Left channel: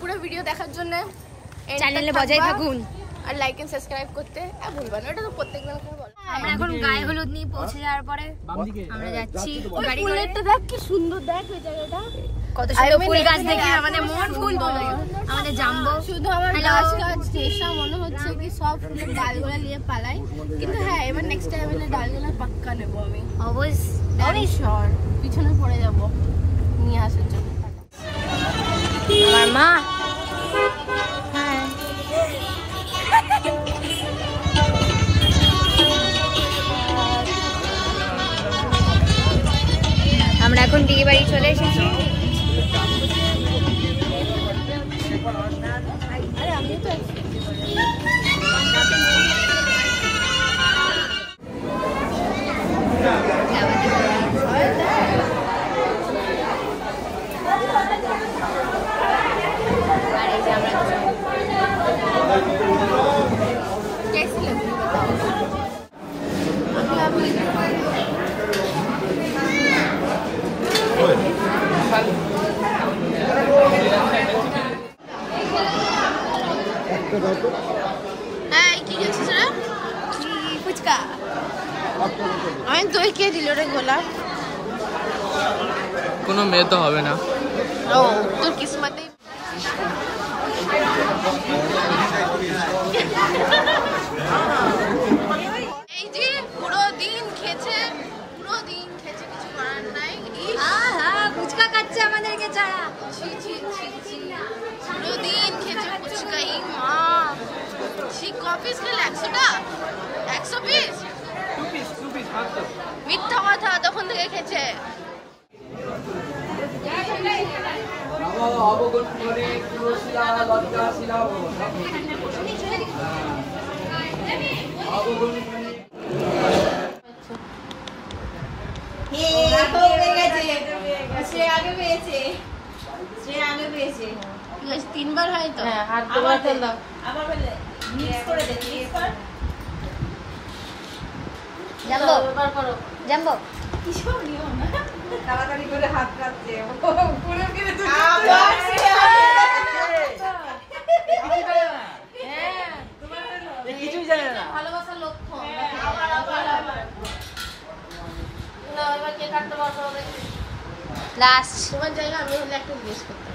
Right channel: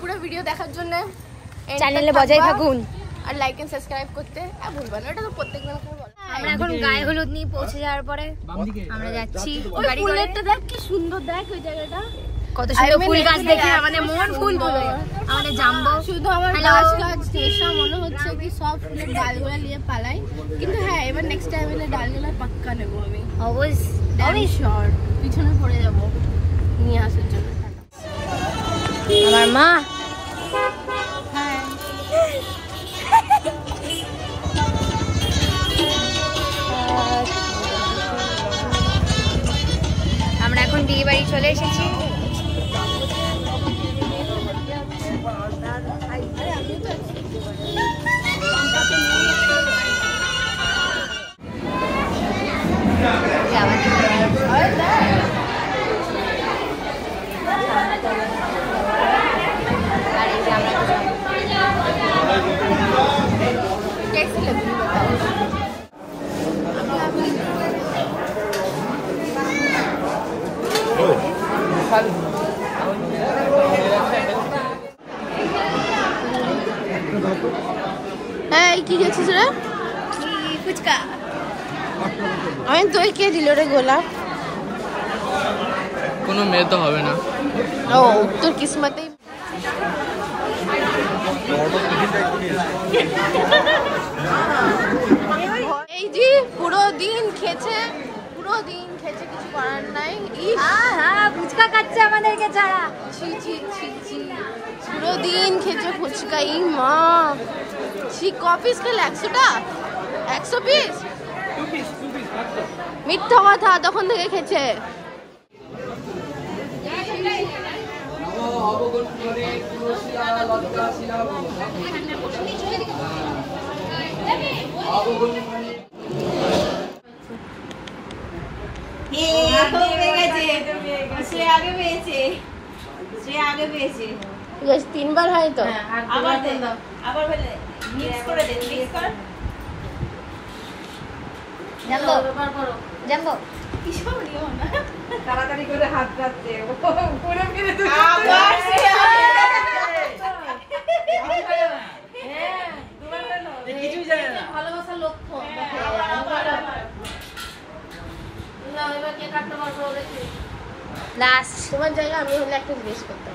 পুরো ভিডিও দেখার জন্য চ্যানেলে বজায় থাকুন আর লাইক এন্ড সাবস্ক্রাইব করতে ভুলবেন না, এটা তো প্রত্যেকদিন করে বলে। আমরা এখন গায়ে হলুদ নিয়ে পৌঁছে যাওয়ার পরে আমরা যাচ্ছি গাড়ি করে। দেখ কি সুন্দর, দেখ ওই জায়গাটা কত সুন্দর ফুল গাছ দেখে আমাদের মন ফুল বলে গেল। আমাদের জাম্বো শুধু আমার গাছ গাছ নেশা মনে হচ্ছে কি সব ফুলের ডালগুলা নিয়ে পালাই, কিন্তু হ্যাঁ এবার নেক্সট টাইম এলে ডালগুলা পাক্কা নেবো আমি, অবশ্যই শিওর। পিছনে পড়ে যাবো নিয়ে আসার জন্য। আমার মা হ্যাঁ আমরা এখন বিয়ে বাড়ি চলে এসেছি। আর এই যে আমরা কি খেয়েছিস রে? ফুচকা। আমি দই কে দিল রে গোলাপ? কোনো মেয়ে তো হবে না। ও তোর কিসমতে। এই যে পুরো দিন খেয়েছে, কিছু করার নাই। ফুচকা খাচ্ছে আমাদের ছাড়া। পুরো দিন খেয়েছে ফুচকা। ই মা, সে কপিস খেলে 100টা, 100 পিস। মিথ্যা কথা, তখন থেকে খেয়েছে। তিনবার হয় তো। জাম্বো জাম্বো তাড়াতাড়ি করে হাত কাটতে ভালোবাসার লক্ষণ। না এবার কে কাটতে পারবো? লাস্ট তোমার জায়গায় আমি হলে একটা জিনিস করতাম।